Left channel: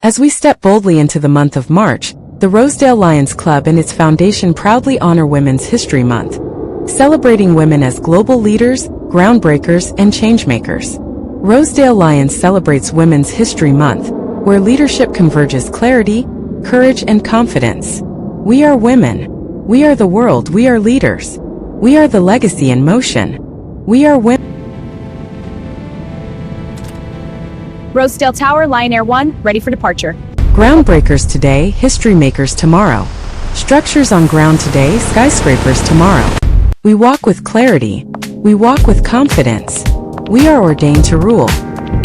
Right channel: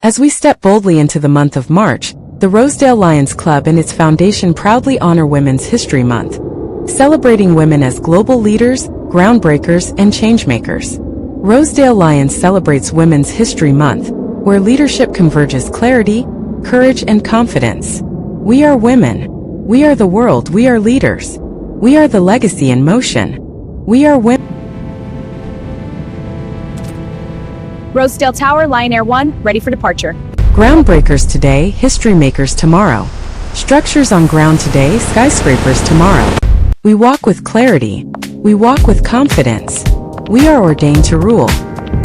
As we step boldly into the month of March, the Rosedale Lions Club and its foundation proudly honor Women's History Month, celebrating women as global leaders, groundbreakers, and changemakers. Rosedale Lions celebrates Women's History Month, where leadership converges clarity, courage, and confidence. We are women. We are the world. We are leaders. We are the legacy in motion. We are women. Rosedale Tower, Lion Air 1, ready for departure. Groundbreakers today, history makers tomorrow. Structures on ground today, skyscrapers tomorrow. We walk with clarity. We walk with confidence. We are ordained to rule.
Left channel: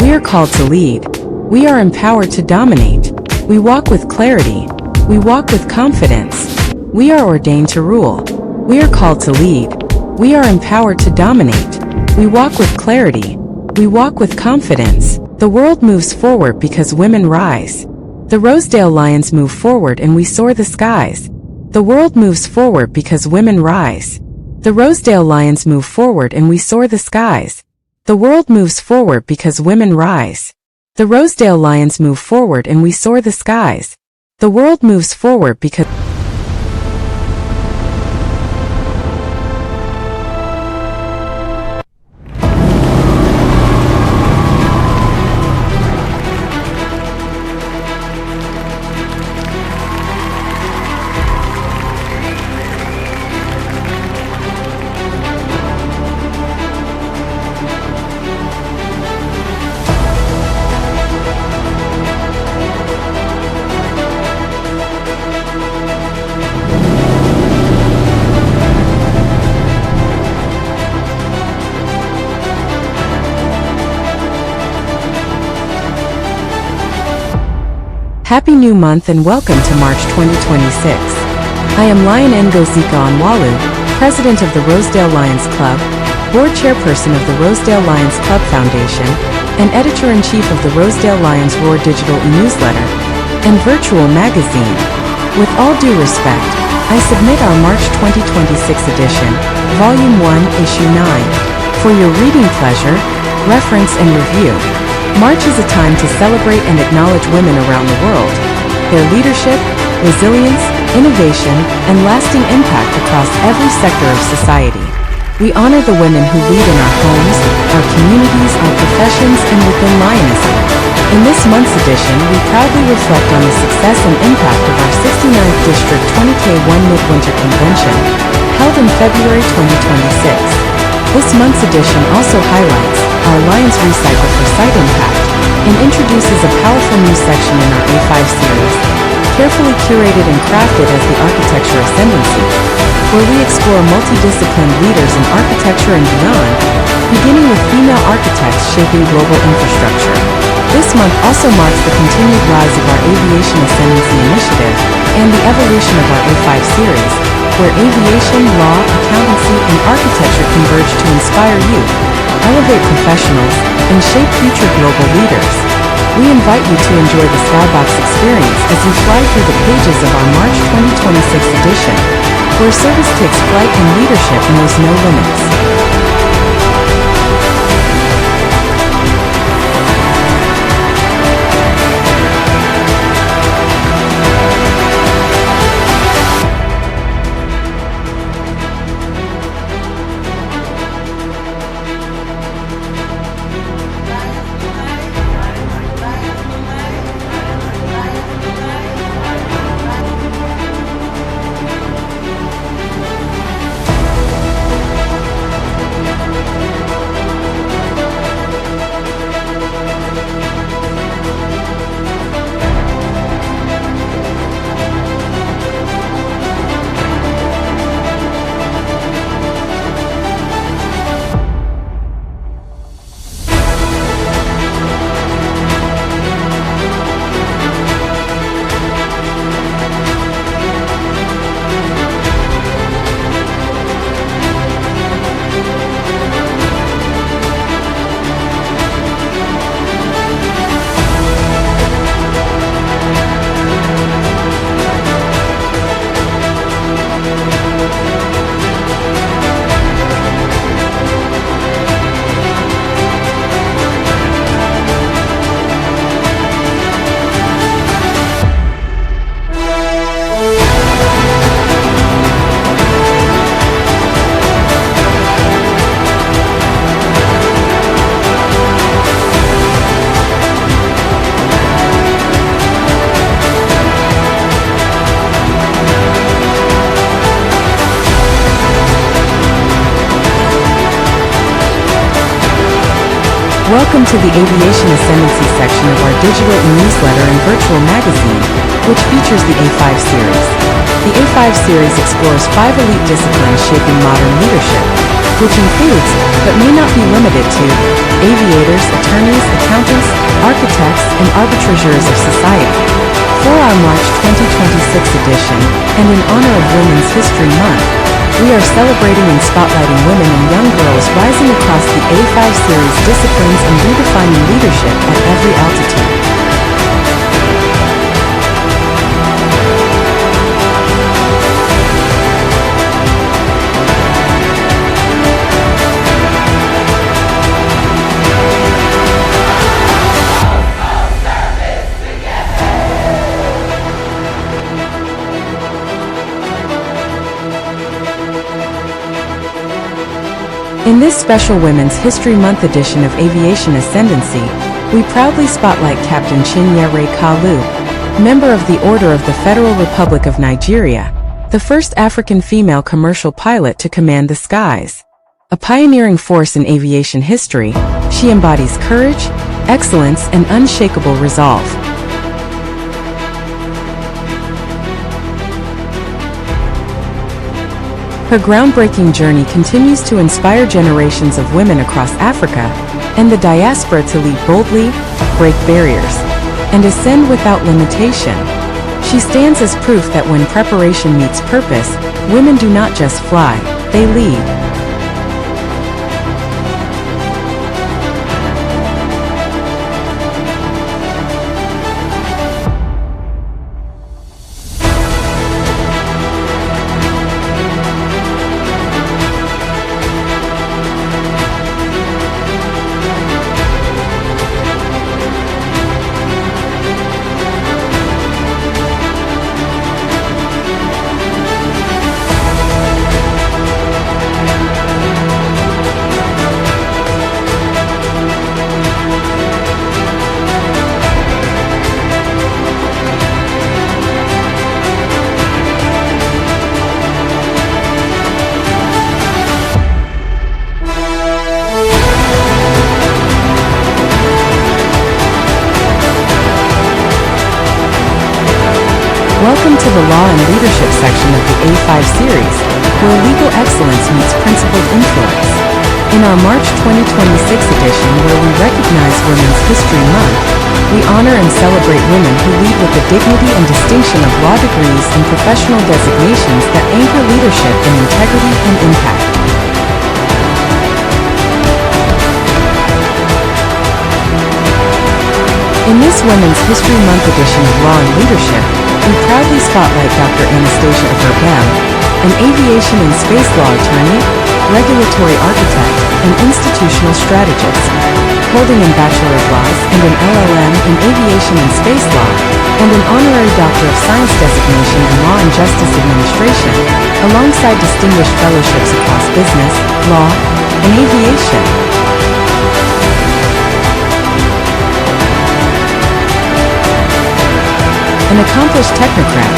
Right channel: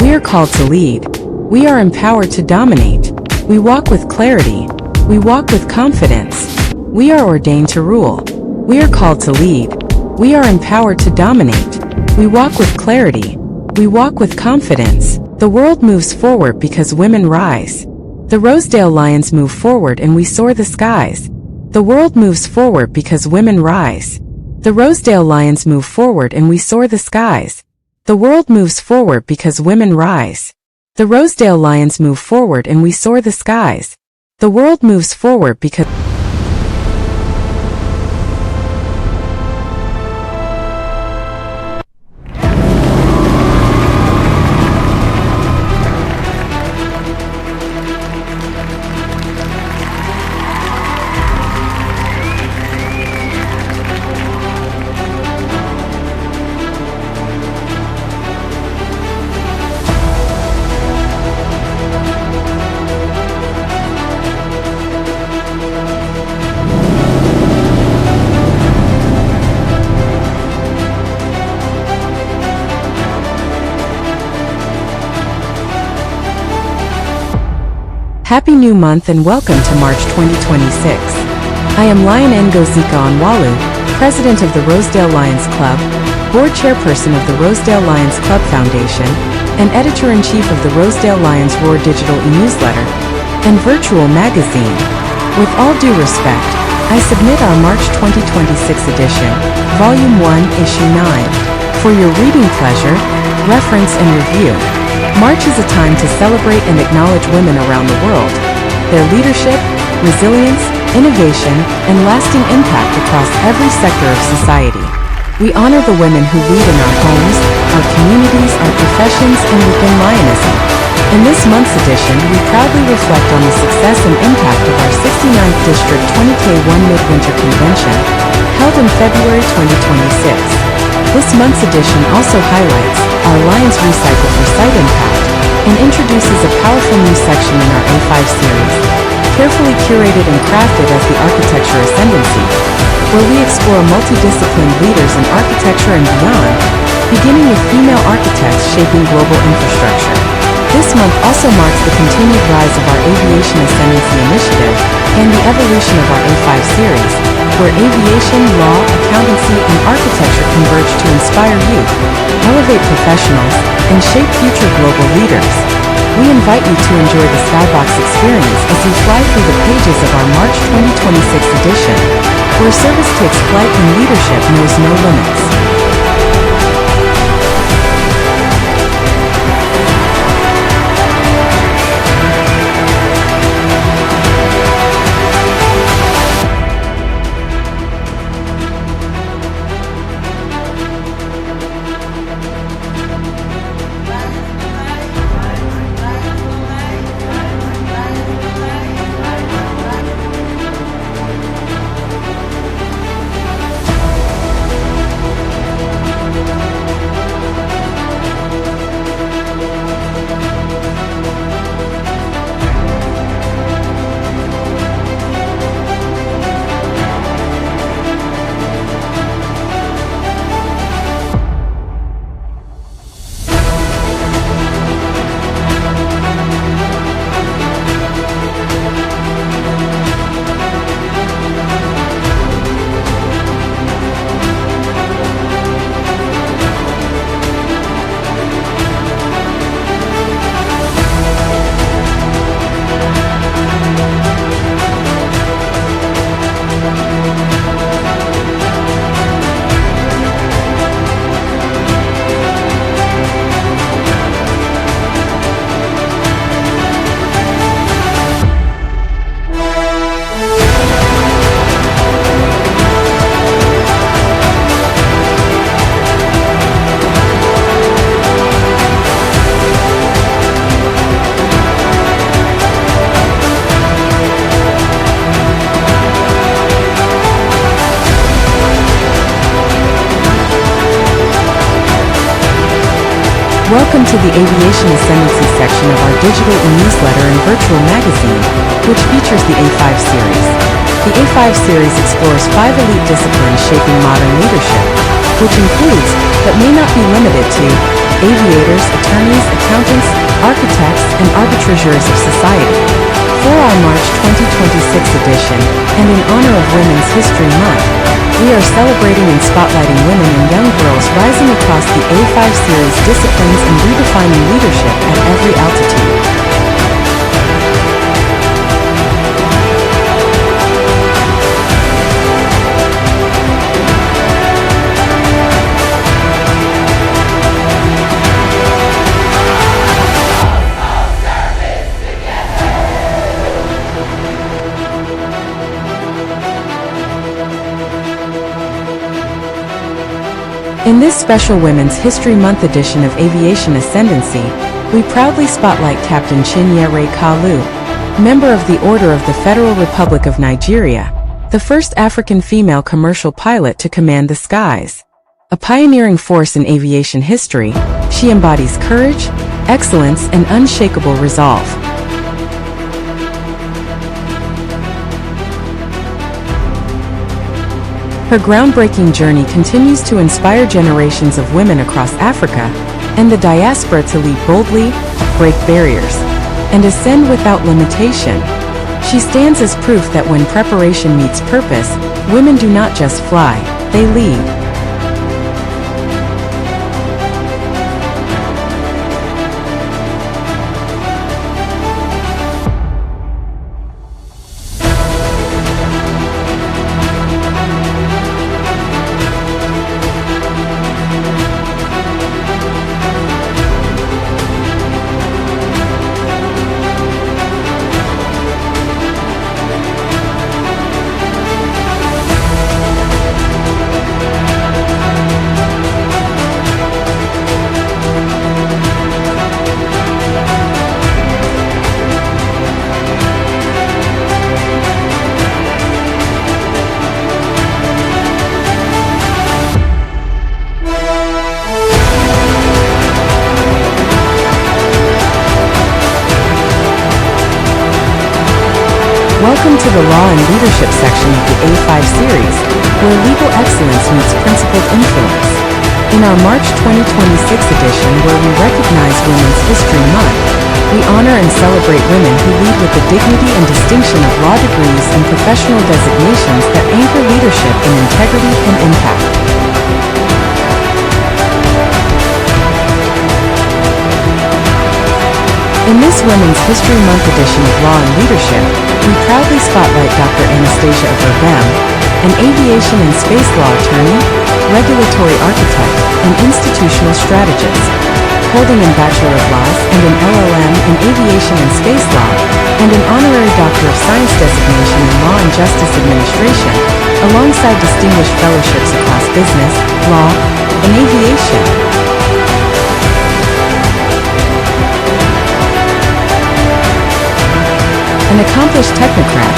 We are called to lead. We are empowered to dominate. We walk with clarity. We walk with confidence. We are ordained to rule. We are called to lead. We are empowered to dominate. We walk with clarity. We walk with confidence. The world moves forward because women rise. The Rosedale Lions move forward and we soar the skies. The world moves forward because women rise. The Rosedale Lions move forward and we soar the skies. The world moves forward because women rise. The Rosedale Lions move forward and we soar the skies. The world moves forward because Happy New Month and welcome to March 2026. I am Lion Ngozika Onwalu, President of the Rosedale Lions Club, Board Chairperson of the Rosedale Lions Club Foundation, and Editor-in-Chief of the Rosedale Lions Roar digital e-newsletter and virtual magazine. With all due respect, I submit our March 2026 edition, Volume 1, Issue 9, for your reading pleasure, reference, and review. March is a time to celebrate and acknowledge women around the world, their leadership, resilience, innovation, and lasting impact across every sector of society. We honor the women who lead in our homes, our communities, our professions, and within Lionism. In this month's edition, we proudly reflect on the success and impact of our 69th District 20K1 Midwinter Convention, held in February 2026. This month's edition also highlights our Lions Recycle for Site Impact and introduces a powerful new section in our A5 series, carefully curated and crafted as the Architecture Ascendancy, where we explore multidisciplined leaders in architecture and beyond, beginning with female architects shaping global infrastructure. This month also marks the continued rise of our Aviation Ascendancy initiative and the evolution of our A5 series, where aviation, law, accountancy, and architecture converge to inspire youth, elevate professionals, and shape future global leaders. We invite you to enjoy the Skybox experience as you fly through the pages of our March 2026 edition, where service takes flight and leadership knows no limits. Welcome to the Aviation Ascendancy section of our digital e-newsletter and virtual magazine, which features the A5 series. The A5 series explores 5 elite disciplines shaping modern leadership, which includes, but may not be limited to, aviators, attorneys, accountants, architects, and arbitrateurs of society. For our March 2026 edition, and in honor of Women's History Month, we are celebrating and spotlighting women and young girls rising across the A5 series disciplines and redefining leadership at every altitude. In this special Women's History Month edition of Aviation Ascendancy, we proudly spotlight Captain Chinyere Kalu, member of the Order of the Federal Republic of Nigeria, the first African female commercial pilot to command the skies. A pioneering force in aviation history, she embodies courage, excellence, and unshakable resolve. Her groundbreaking journey continues to inspire generations of women across Africa and the diaspora to lead boldly, break barriers, and ascend without limitation. She stands as proof that when preparation meets purpose, women do not just fly, they lead. Welcome to the Law and Leadership section of the A5 series, where legal excellence meets principled influence. In our March 2026 edition, where we recognize Women's History Month, we honor and celebrate women who lead with the dignity and distinction of law degrees and professional designations that anchor leadership in integrity and impact. In this Women's History Month edition of Law and Leadership, we proudly spotlight Dr. Anastasia Averbem, an aviation and space law attorney, regulatory architect, and institutional strategist, holding a Bachelor of Laws and an LLM in aviation and space law, and an honorary Doctor of Science designation in Law and Justice Administration, alongside distinguished fellowships across business, law, and aviation. An accomplished technocrat,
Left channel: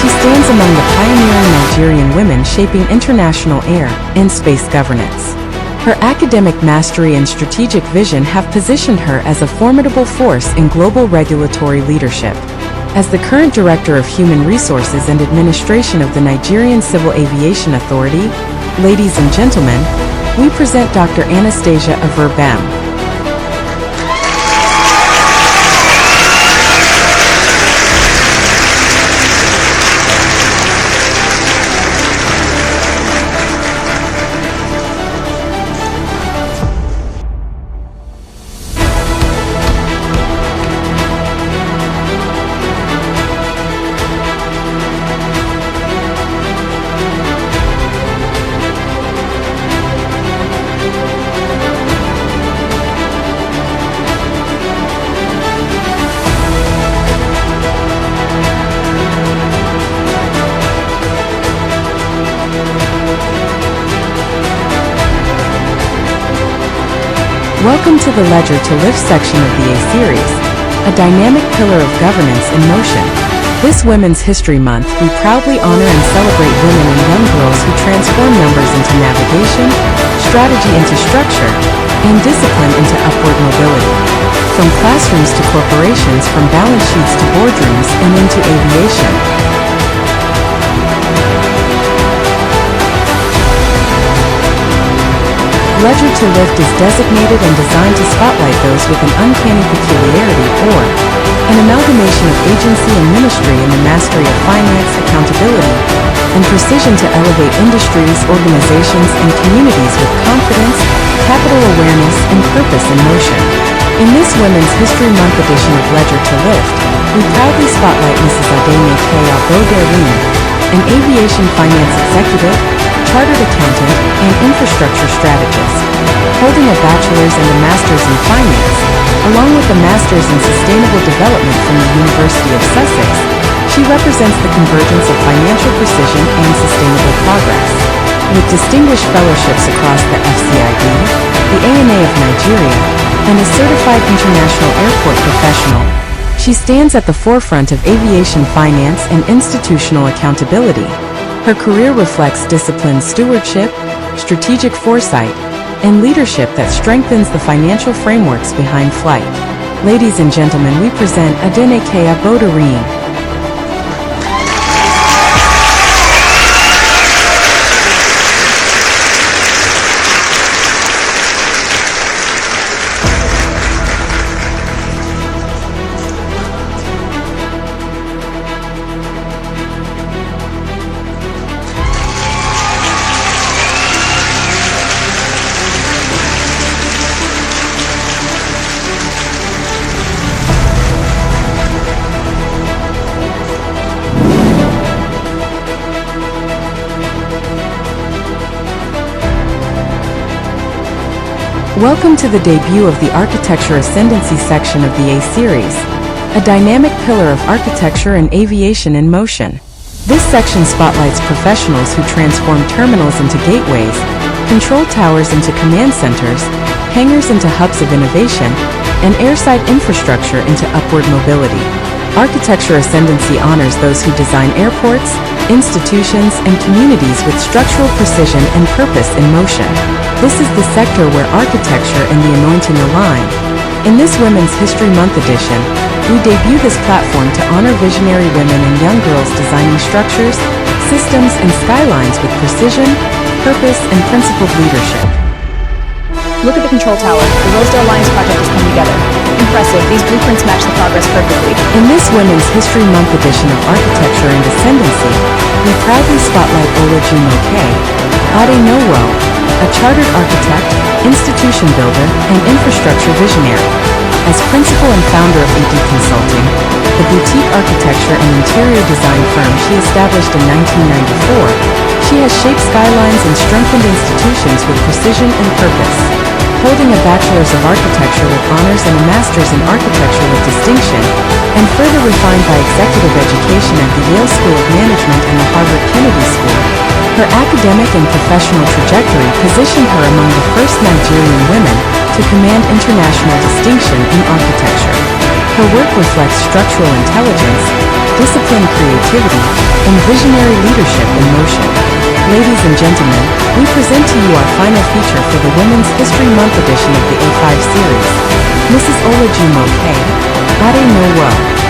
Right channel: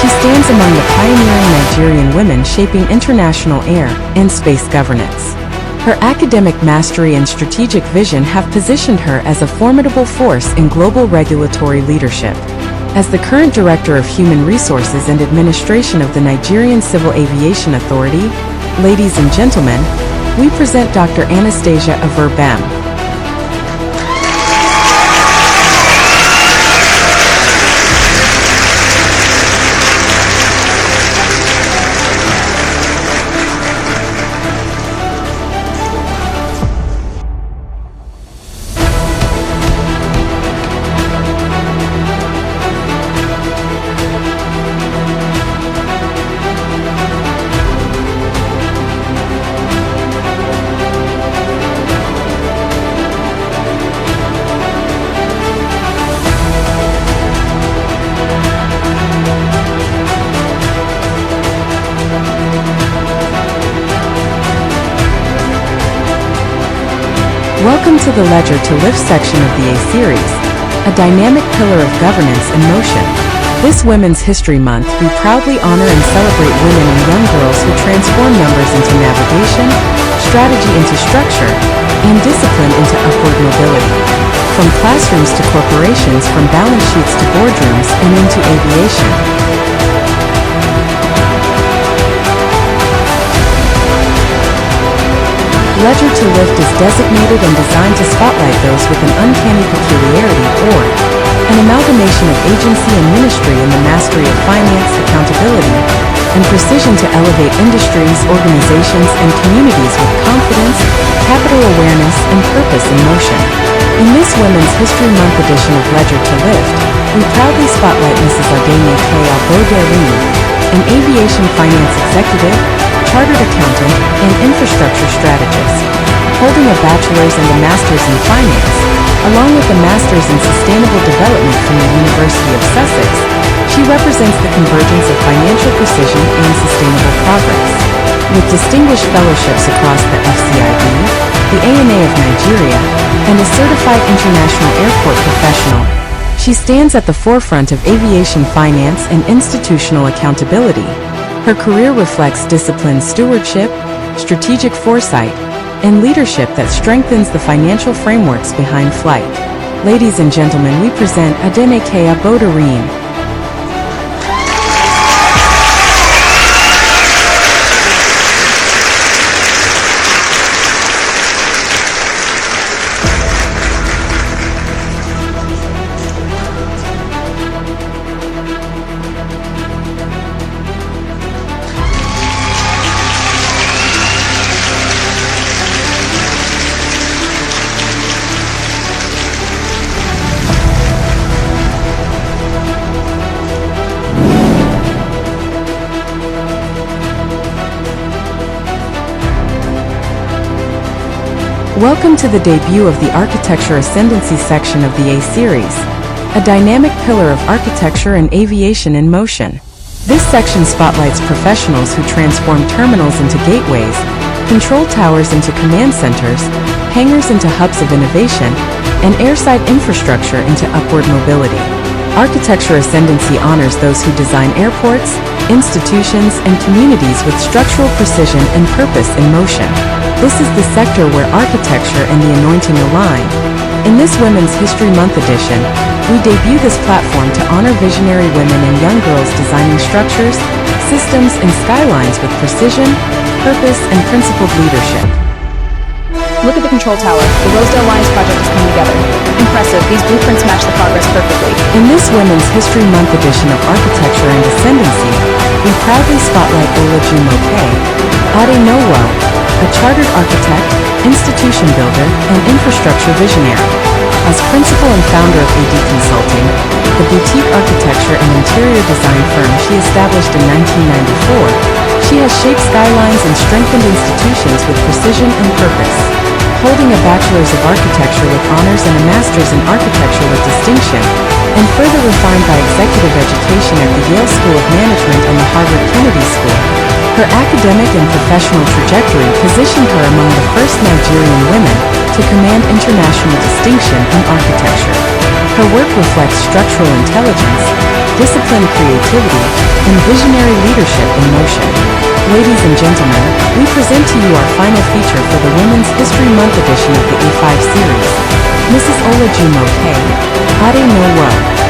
she stands among the pioneering Nigerian women shaping international air and space governance. Her academic mastery and strategic vision have positioned her as a formidable force in global regulatory leadership. As the current Director of Human Resources and Administration of the Nigerian Civil Aviation Authority, ladies and gentlemen, we present Dr. Anastasia Averbem. Welcome to the Ledger to Lift section of the A-Series, a dynamic pillar of governance in motion. This Women's History Month, we proudly honor and celebrate women and young girls who transform numbers into navigation, strategy into structure, and discipline into upward mobility. From classrooms to corporations, from balance sheets to boardrooms, and into aviation. Ledger to Lift is designated and designed to spotlight those with an uncanny peculiarity or an amalgamation of agency and ministry in the mastery of finance, accountability, and precision to elevate industries, organizations, and communities with confidence, capital awareness, and purpose in motion. In this Women's History Month edition of Ledger to Lift, we proudly spotlight Mrs. Adene K. Abo-Derine, an aviation finance executive, chartered accountant, and infrastructure strategist. Holding a bachelor's and a master's in finance, along with a master's in sustainable development from the University of Sussex, she represents the convergence of financial precision and sustainable progress. With distinguished fellowships across the FCID, the ANA of Nigeria, and a certified international airport professional, she stands at the forefront of aviation finance and institutional accountability. Her career reflects disciplined stewardship, strategic foresight, and leadership that strengthens the financial frameworks behind flight. Ladies and gentlemen, we present Adene K. Abo-Derine. Welcome to the debut of the Architecture Ascendancy section of the A-Series, a dynamic pillar of architecture and aviation in motion. This section spotlights professionals who transform terminals into gateways, control towers into command centers, hangars into hubs of innovation, and airside infrastructure into upward mobility. Architecture Ascendancy honors those who design airports, institutions, and communities with structural precision and purpose in motion. This is the sector where architecture and the anointing align. In this Women's History Month edition, we debut this platform to honor visionary women and young girls designing structures, systems, and skylines with precision, purpose, and principled leadership. Look at the control tower. The Rosedale Lines project has come together. Impressive. These blueprints match the progress perfectly. In this Women's History Month edition of Architecture and Ascendancy, we proudly spotlight Olajumoke Adeowo, a chartered architect, institution builder, and infrastructure visionary. As principal and founder of AD Consulting, the boutique architecture and interior design firm she established in 1994, she has shaped skylines and strengthened institutions with precision and purpose. Holding a Bachelor's of Architecture with honors and a Master's in Architecture with distinction, and further refined by executive education at the Yale School of Management and the Harvard Kennedy School, her academic and professional trajectory positioned her among the first Nigerian women to command international distinction in architecture. Her work reflects structural intelligence, disciplined creativity, and visionary leadership in motion. Ladies and gentlemen, we present to you our final feature for the Women's History Month edition of the A5 series, Mrs. Olajumoke Adeowo.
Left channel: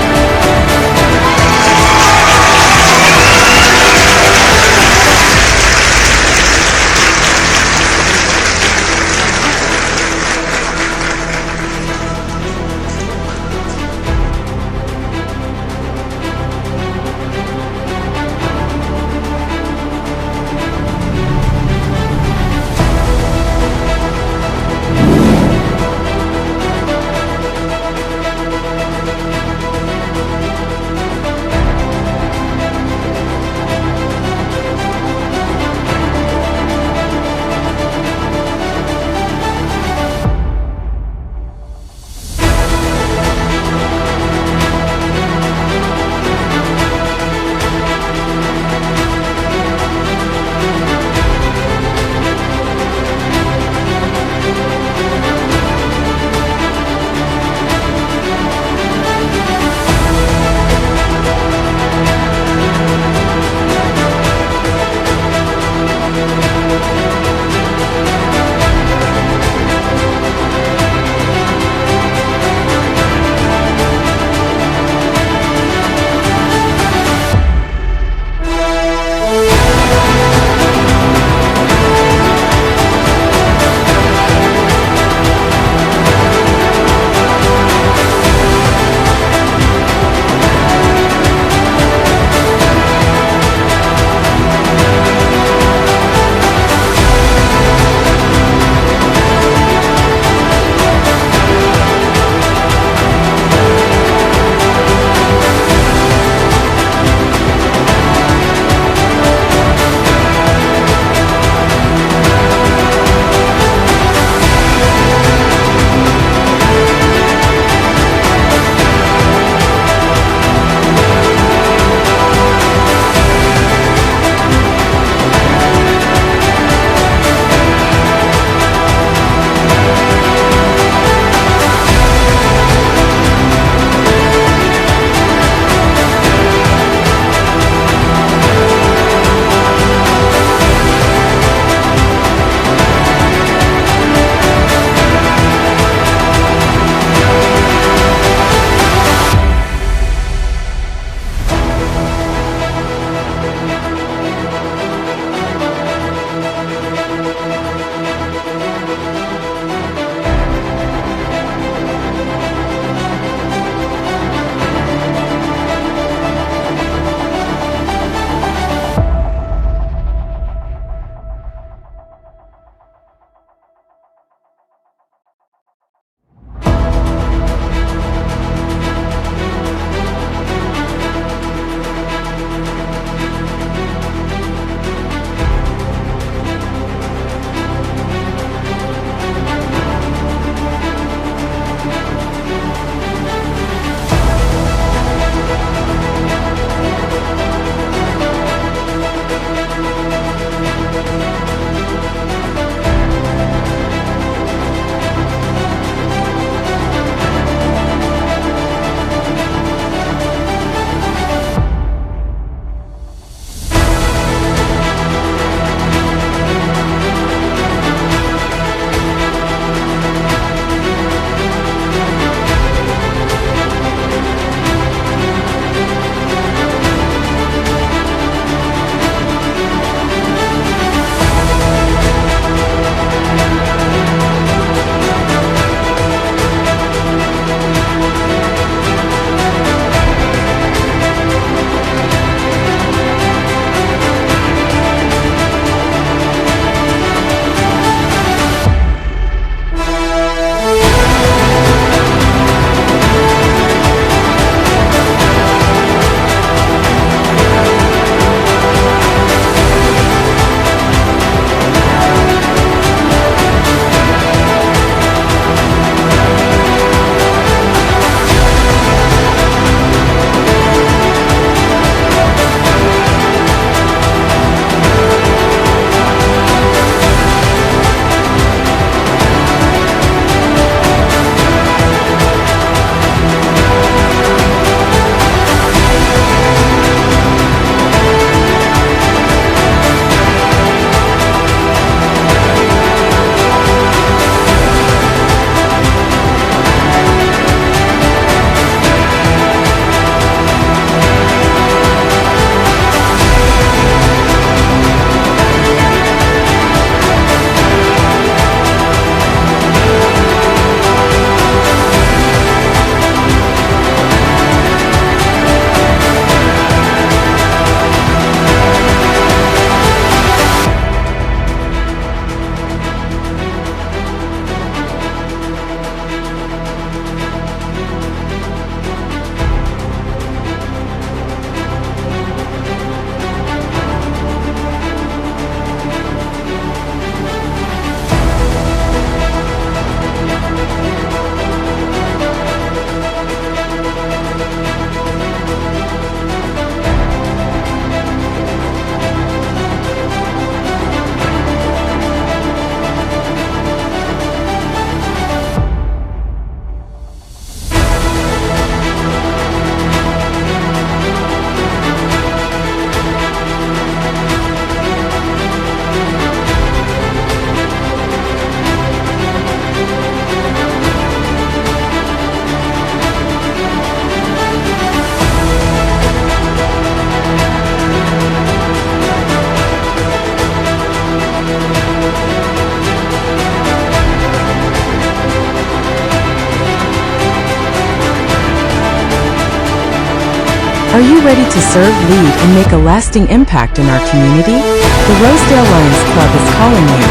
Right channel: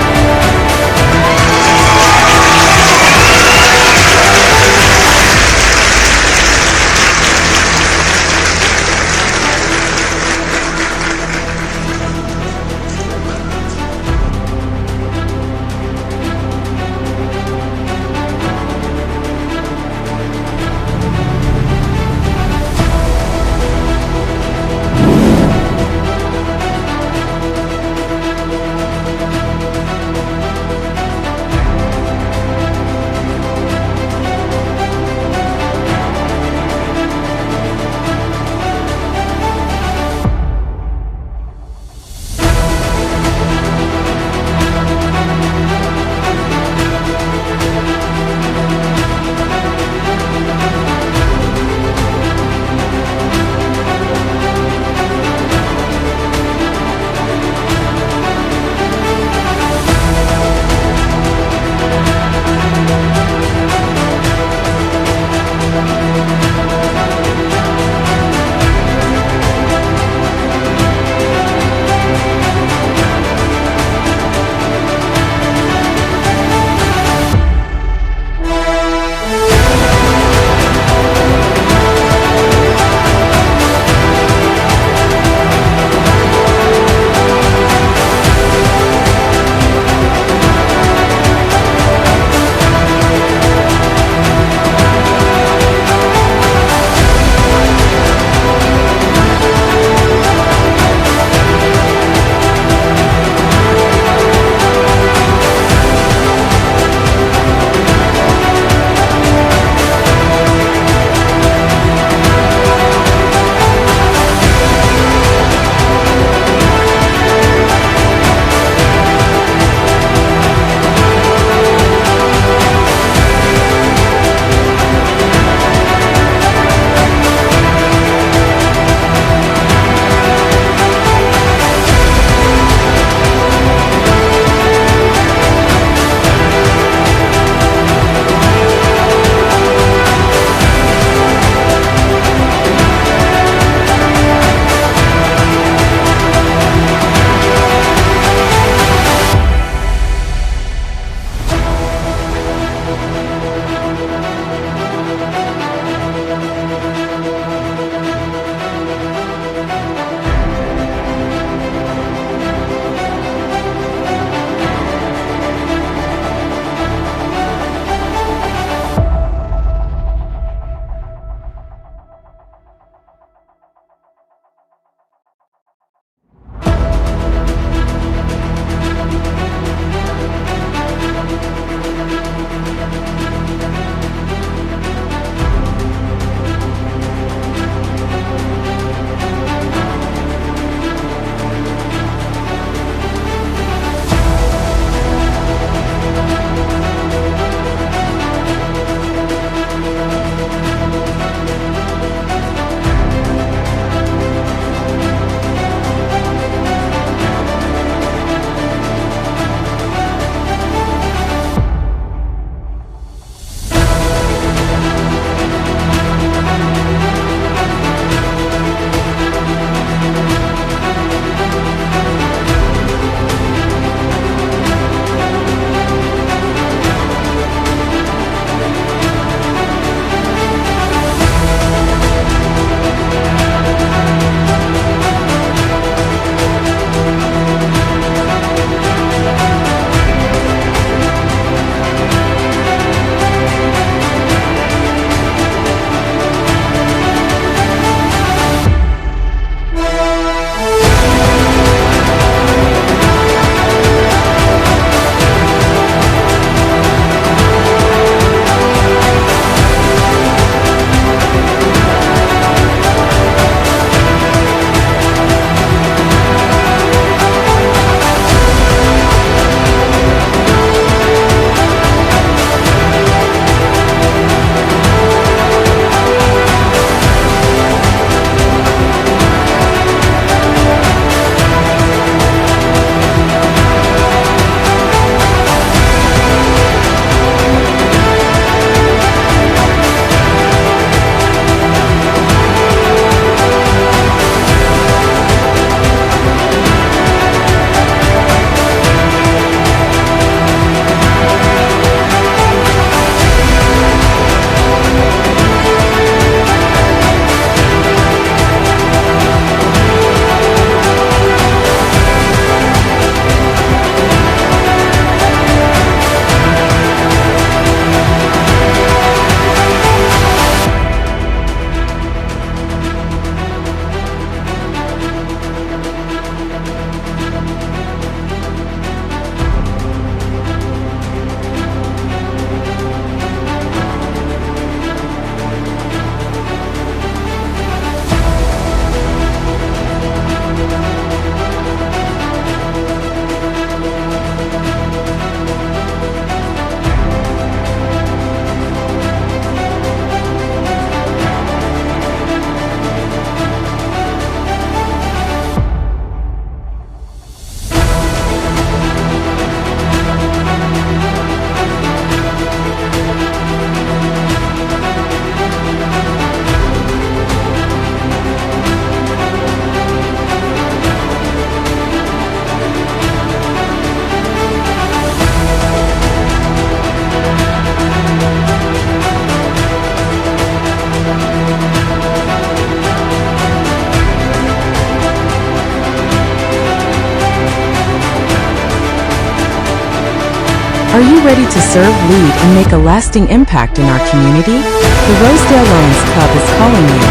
Are you ready to serve, lead, and make a lasting impact in our community? The Rosedale Lions Club is calling you.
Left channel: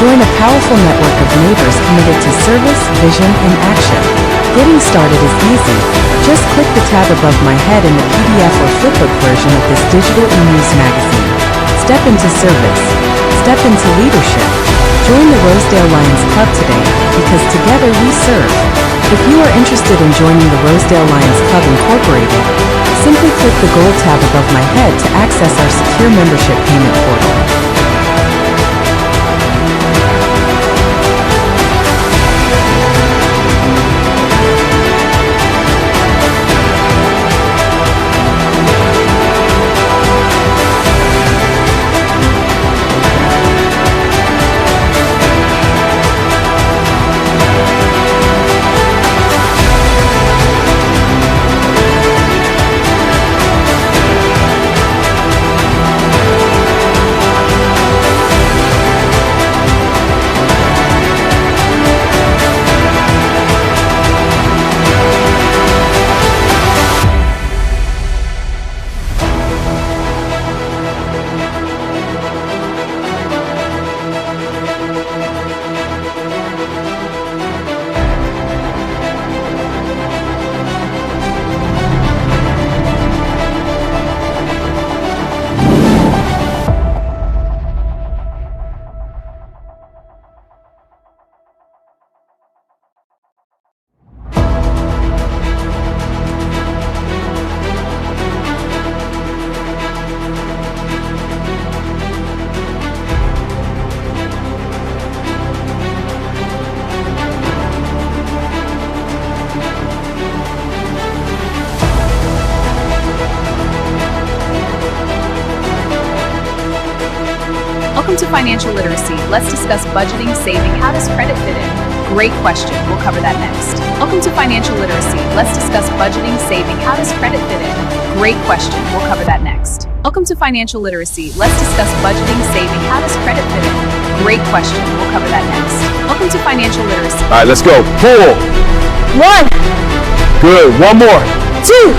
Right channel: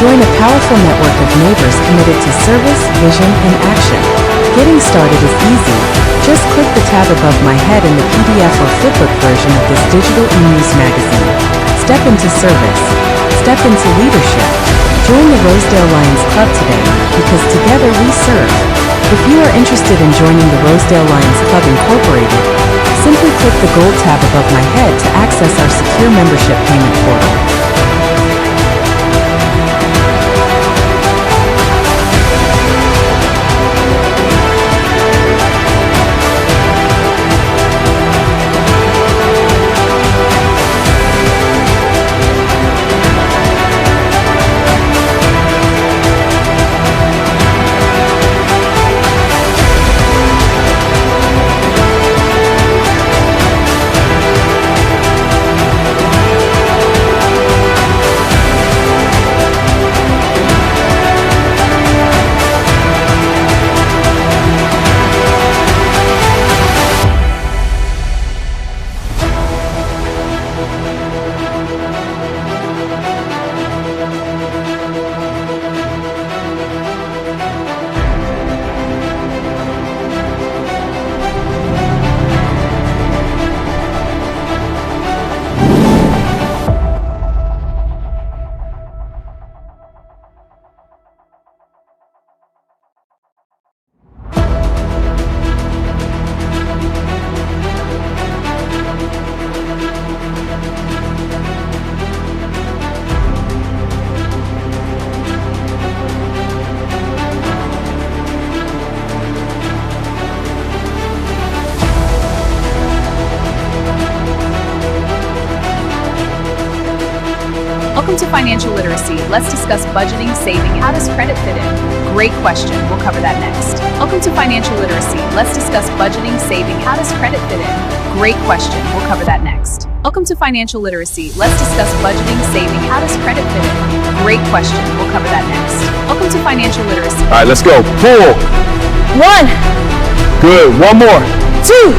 Join a powerful network of neighbors committed to service, vision, and action. Getting started is easy. Just click the tab above my head in the PDF or flipbook version of this digital e-news magazine. Step into service. Step into leadership. Join the Rosedale Lions Club today, because together we serve. If you are interested in joining the Rosedale Lions Club Incorporated, simply click the gold tab above my head to access our secure membership payment portal. Welcome to Financial Literacy. Let's discuss budgeting, saving. How does credit fit in? Great question. We'll cover that next. Welcome to Financial Literacy. Let's discuss budgeting, saving. How does credit fit in? Great question. We'll cover that next. Welcome to Financial Literacy. Let's discuss budgeting, saving. How does credit fit in? Great question. We'll cover that next. Welcome to Financial Literacy. All right, let's go. Pull. 1, Good. One more. 2,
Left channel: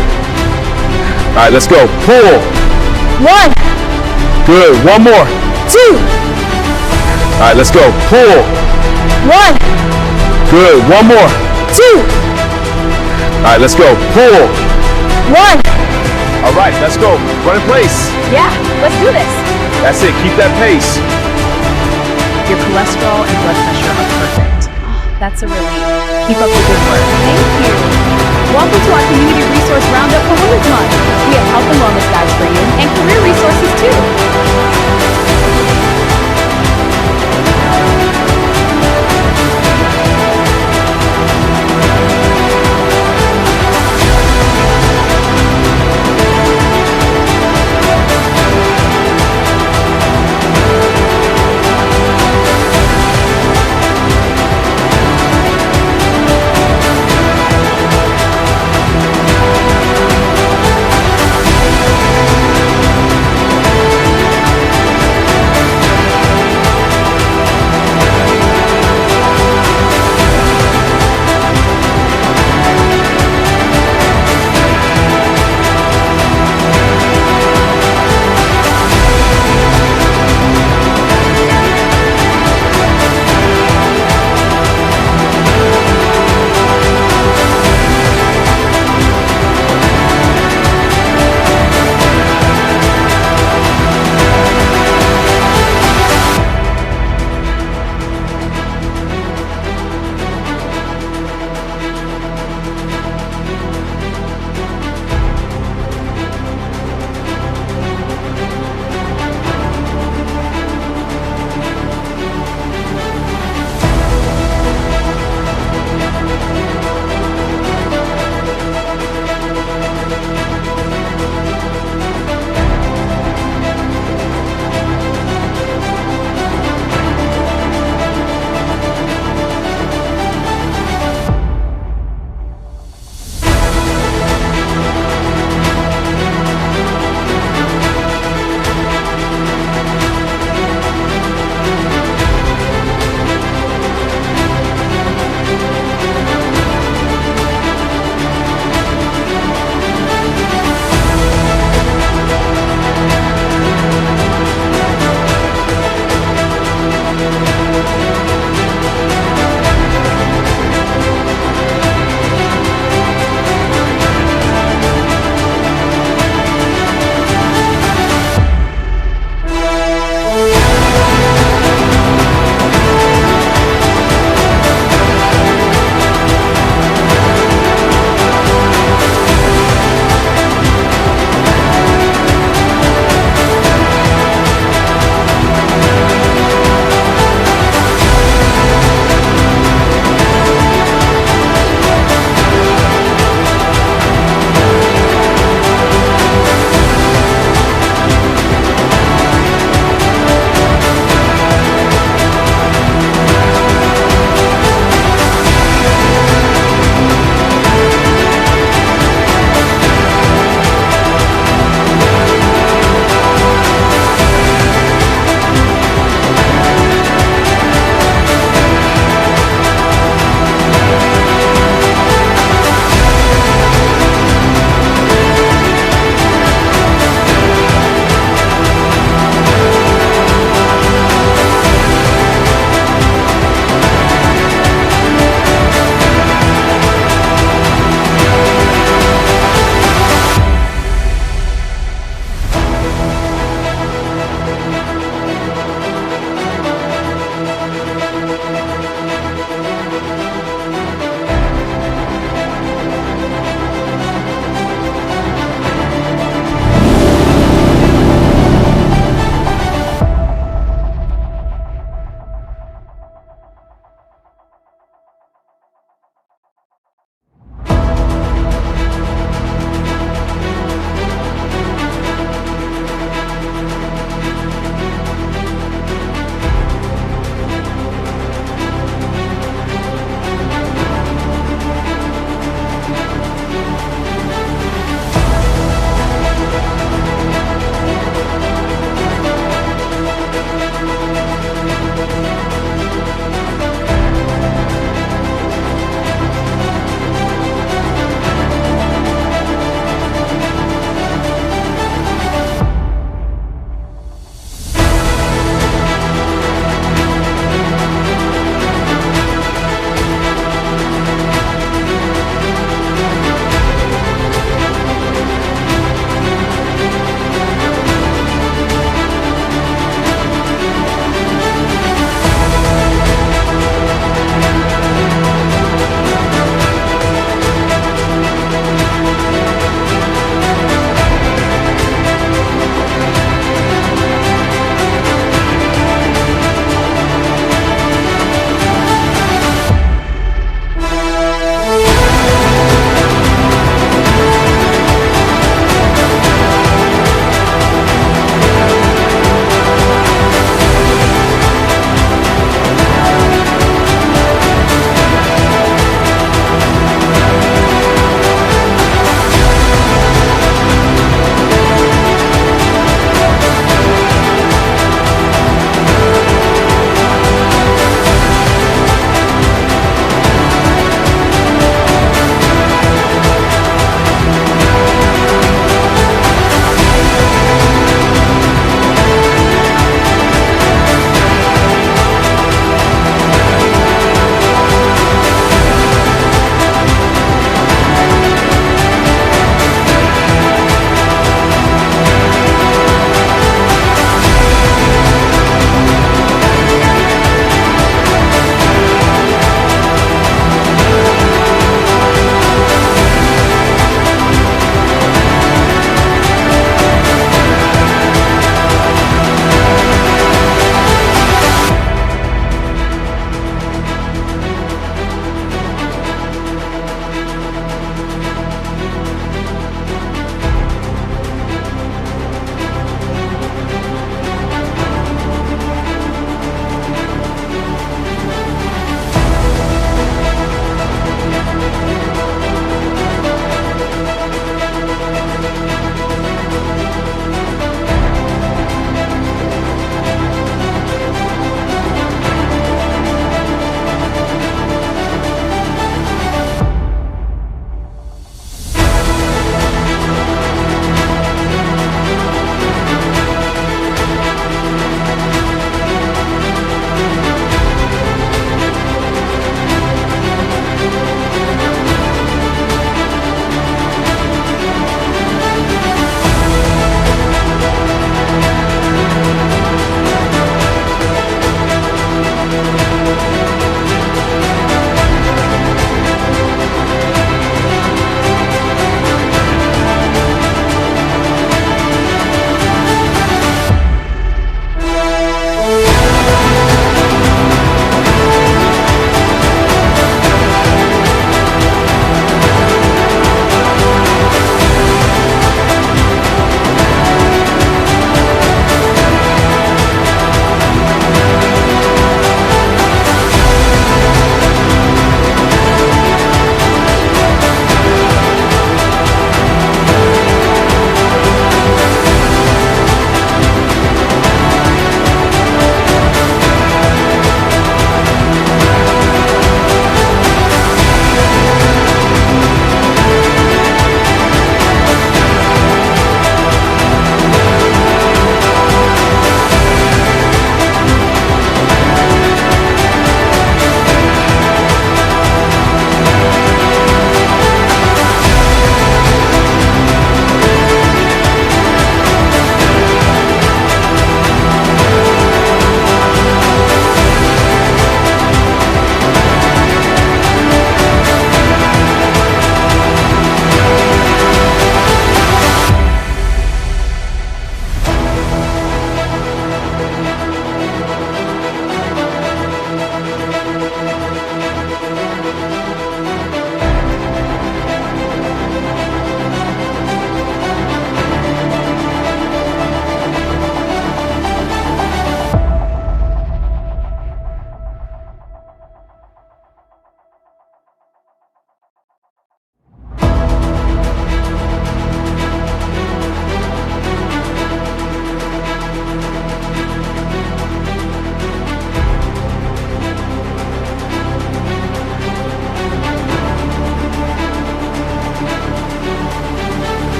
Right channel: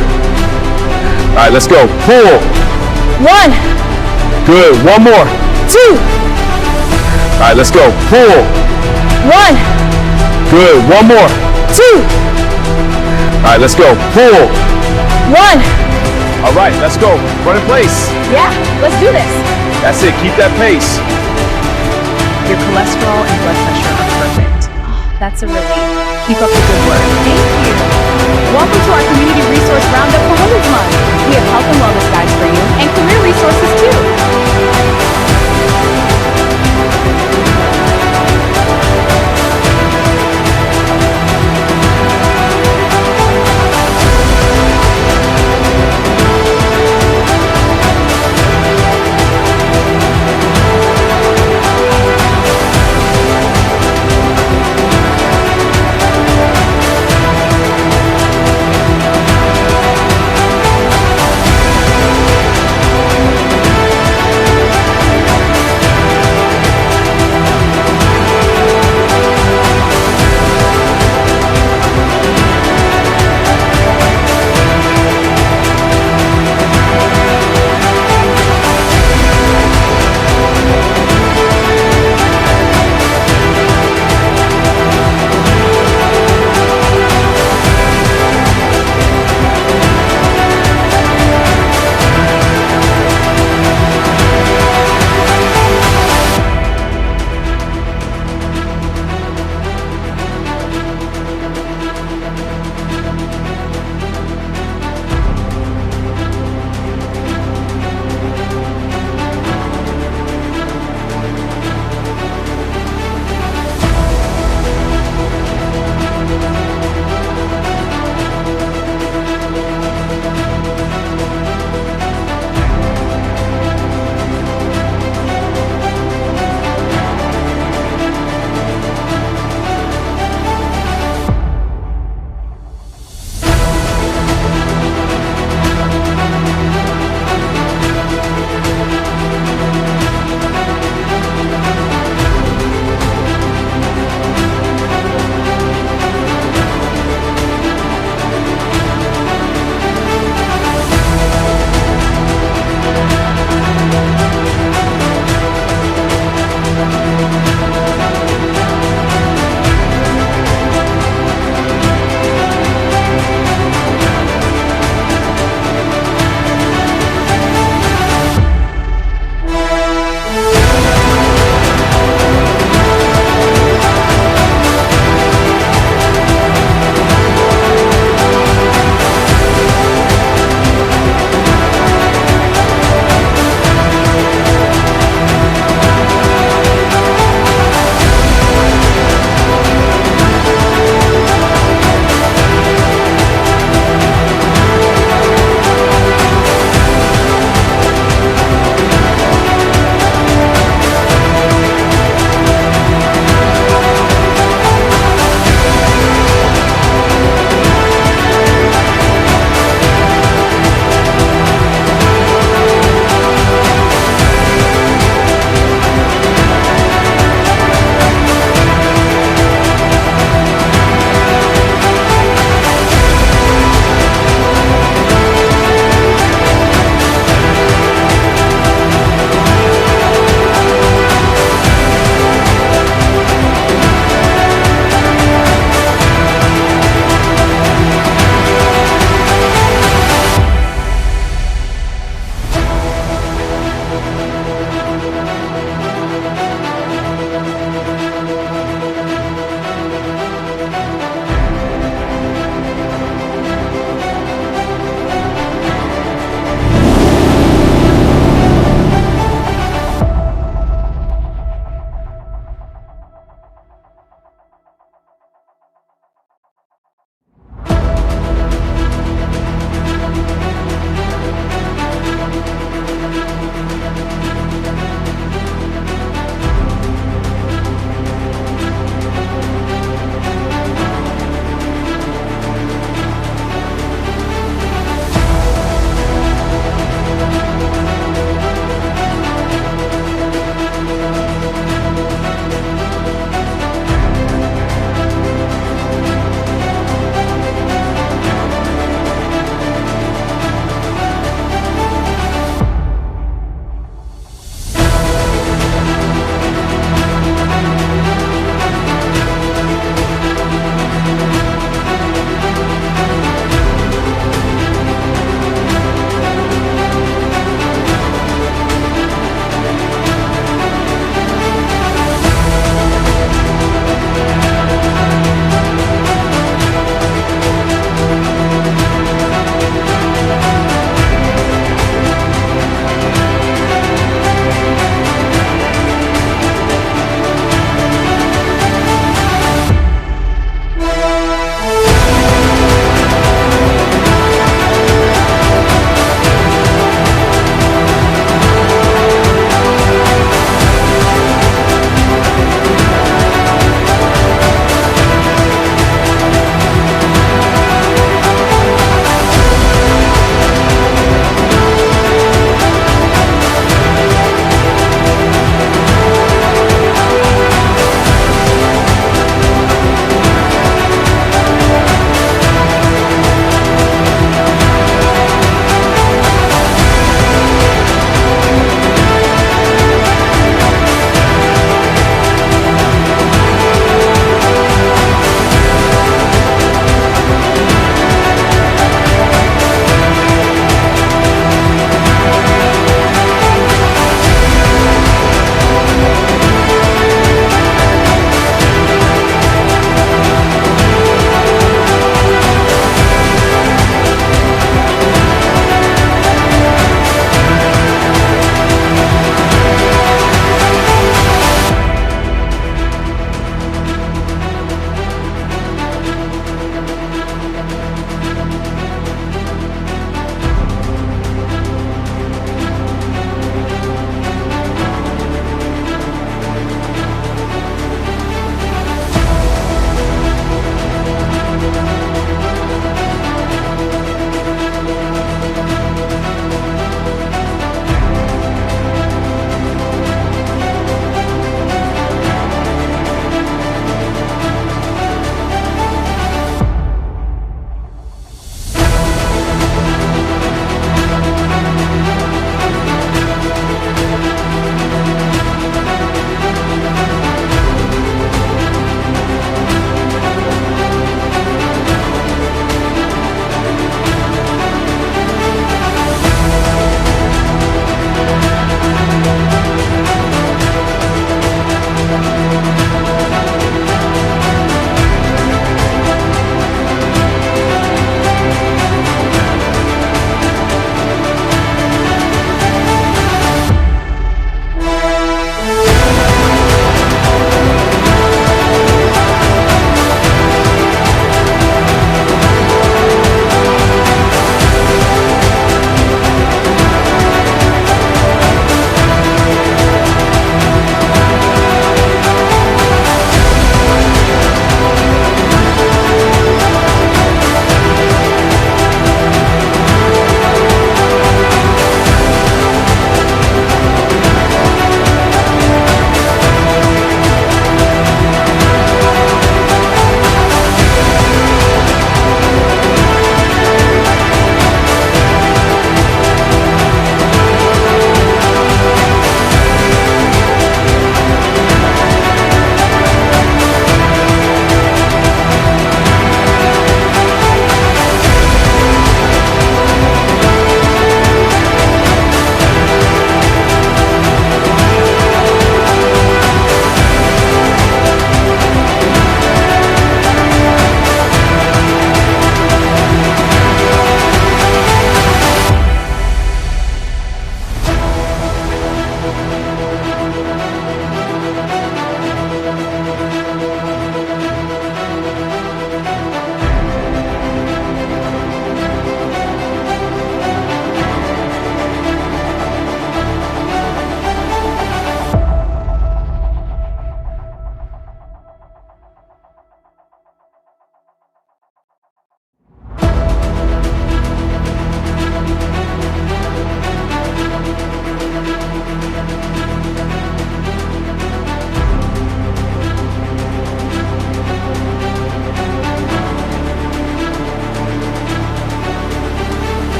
All right, let's go. Pull. 1, Good. One more. 2, All right, let's go. Pull. 1, Good. One more. 2, All right, let's go. Pull. 1. All right, let's go. Run in place. Yeah, let's do this. That's it. Keep that pace. Your cholesterol and blood pressure are perfect. Oh, that's a relief. Keep up the good work. Thank you. Welcome to our Community Resource Roundup for Women's Month. We have health and wellness guides for you and career resources